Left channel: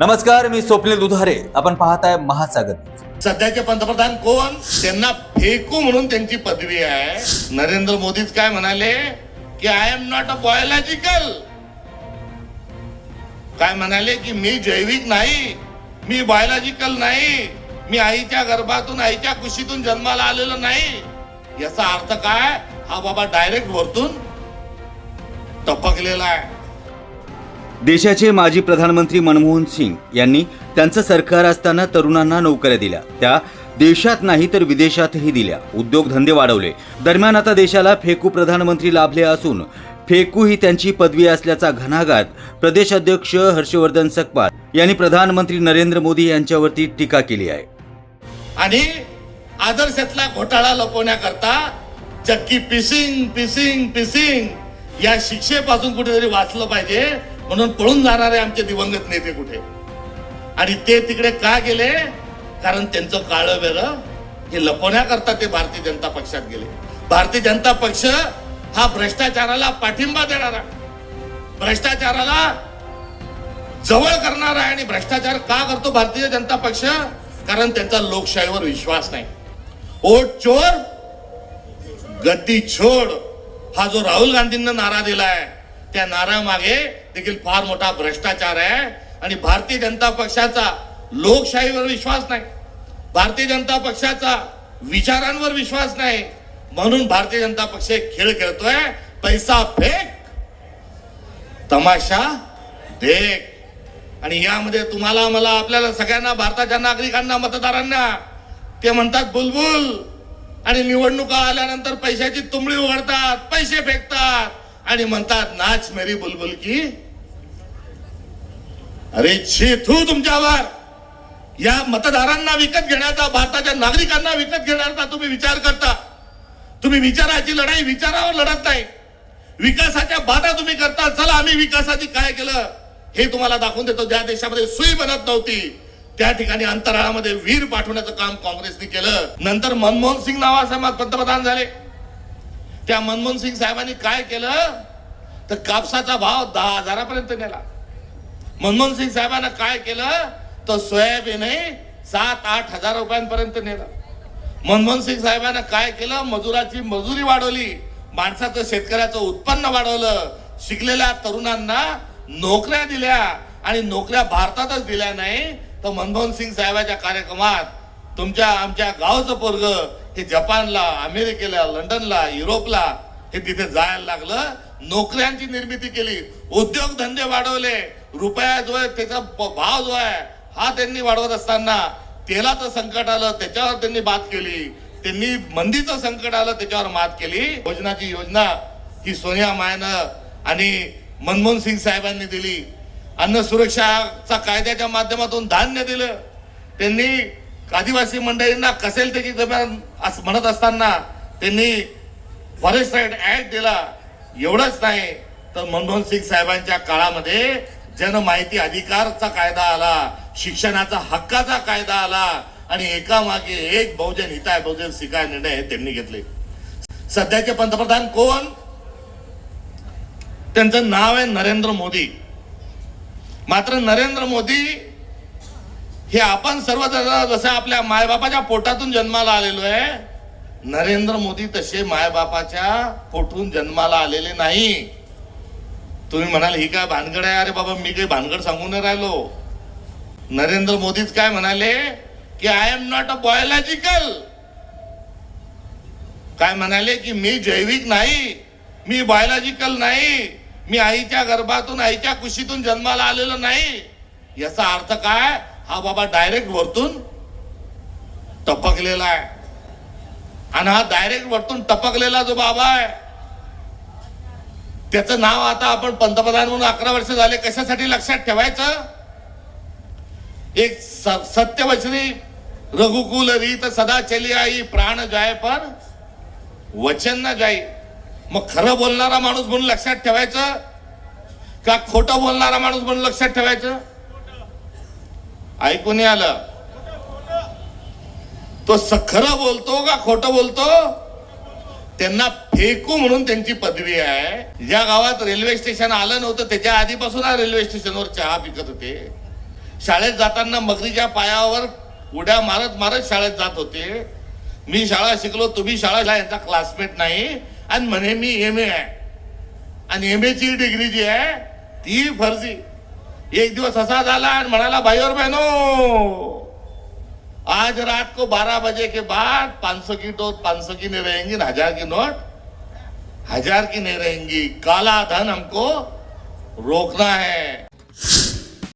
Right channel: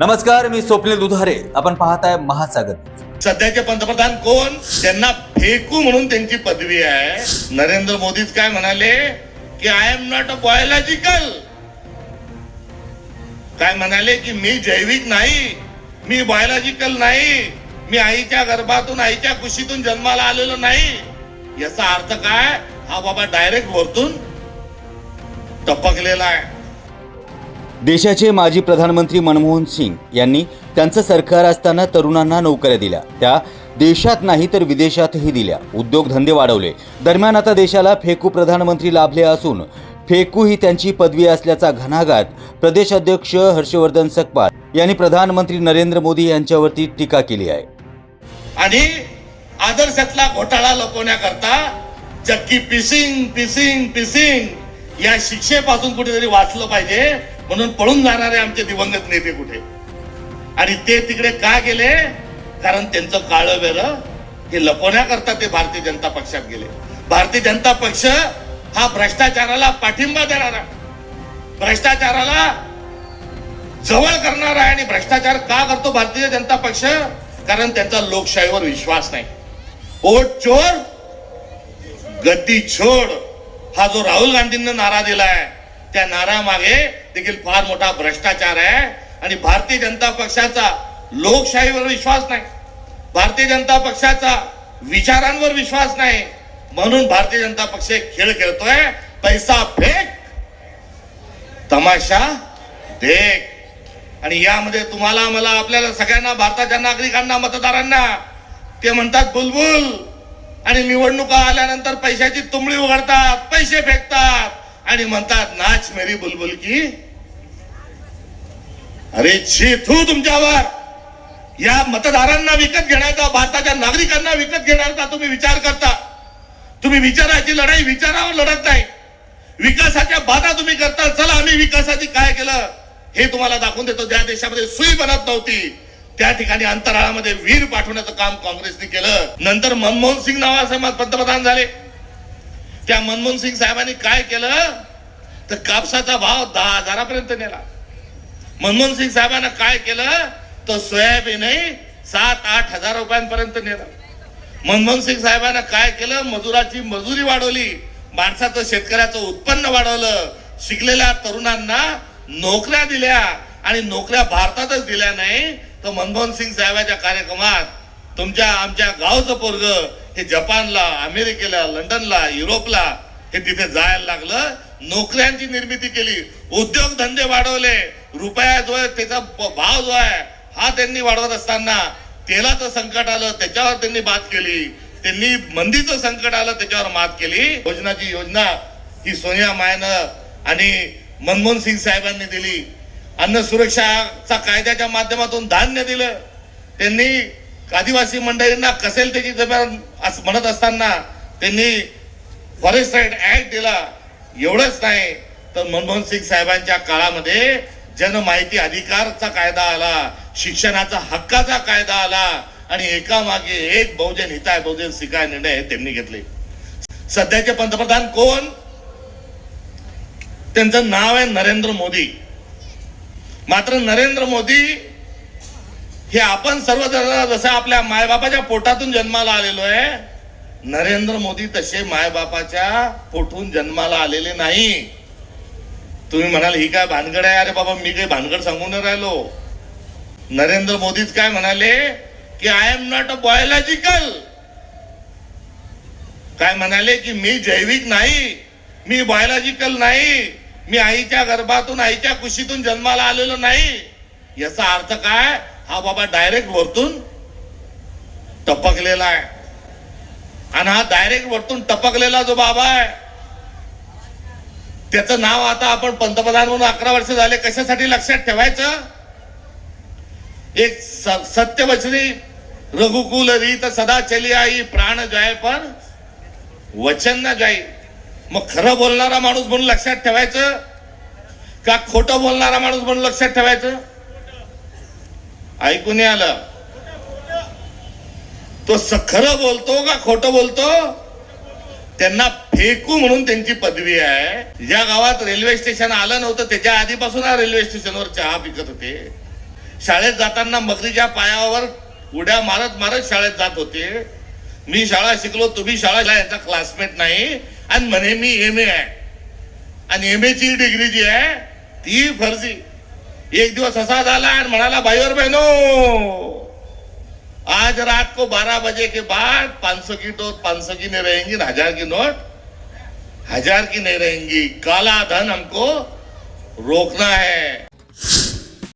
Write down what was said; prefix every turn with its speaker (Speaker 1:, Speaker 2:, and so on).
Speaker 1: नमस्कार मी स्वप्नील दुधारे. आपण पाहताय महासागर.
Speaker 2: सध्याचे पंतप्रधान कोण? त्यांना फेकू म्हणून त्यांची पदवी आहे. नरेंद्र मोदीच काय म्हणाले? की I am not a biological काय म्हणाले? की मी जैविक नाही. मी बायोलॉजिकल नाही. मी आईच्या गर्भातून आईच्या कुशीतून जन्माला आलेलो नाही. याचा अर्थ काय? हा बाबा डायरेक्ट वरतून टपकलेला आहे.
Speaker 1: देशाचे माजी प्रधानमंत्री मनमोहन सिंग यांनी त्यांचं सरकार असताना तरुणांना नोकऱ्या दिल्या. त्या देशात नाही तर विदेशातही दिल्या. उद्योगधंदे वाढवले. दरम्यान आता देशाला फेकू प्रधानमंत्री लाभले असून फेकू ही त्यांची पदवी असल्याचा घणाघात प्रदेश अध्यक्ष हर्षवर्धन सकपाल यांनी प्रधानमंत्री नरेंद्र मोदी यांच्यावरती टीका केली आहे.
Speaker 2: आणि आदर्शातला घोटाळा लपवण्याकरता चक्की पिसिंग पिसिंग पिसिंग या शिक्षेपासून कुठेतरी वाचलं पाहिजे. म्हणून पळून जाणारे आमचे दिवंगत नेते कुठे? आणि ते तिकडे का गेले? कारण त्यांचं काळं वेगळं हे लपवण्याकरता ते भारतीय जनता पक्षात गेले. भारतीय जनता पक्ष हा भ्रष्टाचाराला पाठिंबा देणारा भ्रष्टाचाराला जवळ करणारा आहे आणि भ्रष्टाचार का करतो भारतीय जनता पक्ष? कारण त्यांचा लोकशाहीवर विश्वास नाही. ओट चोर गद्दी छोड हा जो राहुल गांधींना नारा दिलाय त्या नारा मागे देखील फार मोठा भ्रष्टाचार आहे आणि भारतीय जनता पक्षाचा लोकशाहीवर विश्वास नाही. भारतीय जनता पक्षाचा विचारांवर विश्वास नाही. म्हणून भारतीय जनता पक्ष खेळ खेळतोय. पैसा फेक तमाशा देख. आणि यामध्ये तुम्हाला मला आपल्याला सगळ्यांना भारताच्या नागरिकांना मतदारांना ते म्हणतात बुलबुल. आणि निवडणुका आल्यानंतर पैशाची तुंबडी उघडतात पैसे फेकतात. आणि म्हणतात नाच मेरी बुलबुल की अरे छी तुमच्यावर. या मतदारांना विकत घेण्याचा भारताच्या नागरिकांना विकत घेण्याचा तुम्ही विचार करता. तुम्ही विचाराची लढाई विचारावर लढत नाही. विकासाच्या बाधा तुम्ही करता. चला आम्ही विकासाची काय केलं हे तुम्हाला दाखवून देतो. ज्या देशामध्ये सुई बनत नव्हती त्या ठिकाणी अंतराळामध्ये वीर पाठवण्याचं काम काँग्रेसने केलं. नंतर मनमोहन सिंग नावाचे पंतप्रधान झाले. त्या मनमोहन सिंग साहेबांनी काय केलं तर कापसाचा भाव दहा हजारापर्यंत नेला. मनमोहन सिंग साहेबांना काय केलं? तर सोयाबीनही सात आठ हजार रुपयांपर्यंत नेला. मनमोहन सिंग साहेबांना काय केलं? मजुराची मजुरी वाढवली. माणसाचं शेतकऱ्याचं उत्पन्न वाढवलं. शिकलेल्या तरुणांना नोकऱ्या दिल्या. आणि नोकऱ्या भारतातच दिल्या नाही तर मनमोहन सिंग साहेबाच्या कार्यक्रमात तुमच्या आमच्या गावचं पोरग हे जपानला अमेरिकेला लंडनला युरोपला हे तिथे जायला लागलं. नोकऱ्यांची निर्मिती केली. उद्योगधंदे वाढवले. रुपया जो आहे त्याचा भाव जो आहे हा त्यांनी वाढवत असताना तेलाचं संकट आलं त्याच्यावर त्यांनी बात केली. त्यांनी मंदीचं संकट आलं त्याच्यावर मात केली. योजनाची योजना ही सोनिया मायानं आणि मनमोहन सिंग साहेबांनी दिली. अन्न सुरक्षाचा कायद्याच्या माध्यमातून धान्य दिलं. त्यांनी आदिवासी मंडळींना कसेल त्याची जमीन असं म्हणत असताना त्यांनी फॉरेस्ट ऍक्ट दिला. एवढंच नाही तर मनमोहन सिंग साहेबांच्या काळामध्ये जनमाहिती अधिकारचा कायदा आला शिक्षणाचा हक्काचा कायदा आला आणि एका मागे एक बहुजन हिताय बहुजन शिकाय निर्णय हे त्यांनी घेतले. सध्याचे पंतप्रधान कोण? त्यांचं नाव आहे नरेंद्र मोदी. मात्र नरेंद्र मोदी हे आपण सर्वजण जसं आपल्या मायबापाच्या पोटातून जन्माला आलेलो आहे नरेंद्र मोदी तसे मायबापाच्या पोटून जन्माला आलेले नाही. तुम्ही म्हणाल ही काय भानगड आहे? अरे बाबा मी काही भानगड सांगून राहिलो. नरेंद्र मोदीच काय म्हणाले? की I am not a biological काय म्हणाले? की मी जैविक नाही मी बायोलॉजिकल नाही मी आईच्या गर्भातून आईच्या कुशीतून जन्माला आलेलो नाही. याचा अर्थ काय? हा बाबा डायरेक्ट वरतून टपकलेला आहे. आणि हा डायरेक्ट वरतून टपकलेला जो बाबा आहे त्याचं नाव आता आपण पंतप्रधान म्हणून अकरा वर्ष झाले. कशासाठी लक्षात ठेवायचं? एक स- सत्यवचनी रघुकुल रीत सदा चली आई प्राण जाय पर वचन ना जाई. मग खरं बोलणारा माणूस म्हणून लक्षात ठेवायचं? का खोटं बोलणारा माणूस म्हणून लक्षात ठेवायचं? ऐकून आलं. तो स- खरं बोलतो का खोटं बोलतो? त्यांना एकू म्हणून त्यांची पदवी आहे. ज्या गावात रेल्वे स्टेशन आलं नव्हतं त्याच्या आधीपासून रेल्वे स्टेशनवर चहा पिकत होते. शाळेत जाताना मगरीच्या पायावर उड्या मारत मारत शाळेत जात होते. मी शाळा शिकलो तुम्ही शाळा यांचा क्लासमेट नाही. आणि म्हणे मी एम ए आहे. आणि एम ची डिग्री जी आहे ती फर्जी. एक दिवस असा झाला आणि म्हणाला भाई और बहनो आज रात को 12 बजे के बाद 500 की नोट 500 की नहीं रहेंगी हजार की नोट. हजार की नहीं रहेंगी। काला धन हमको रोकना है।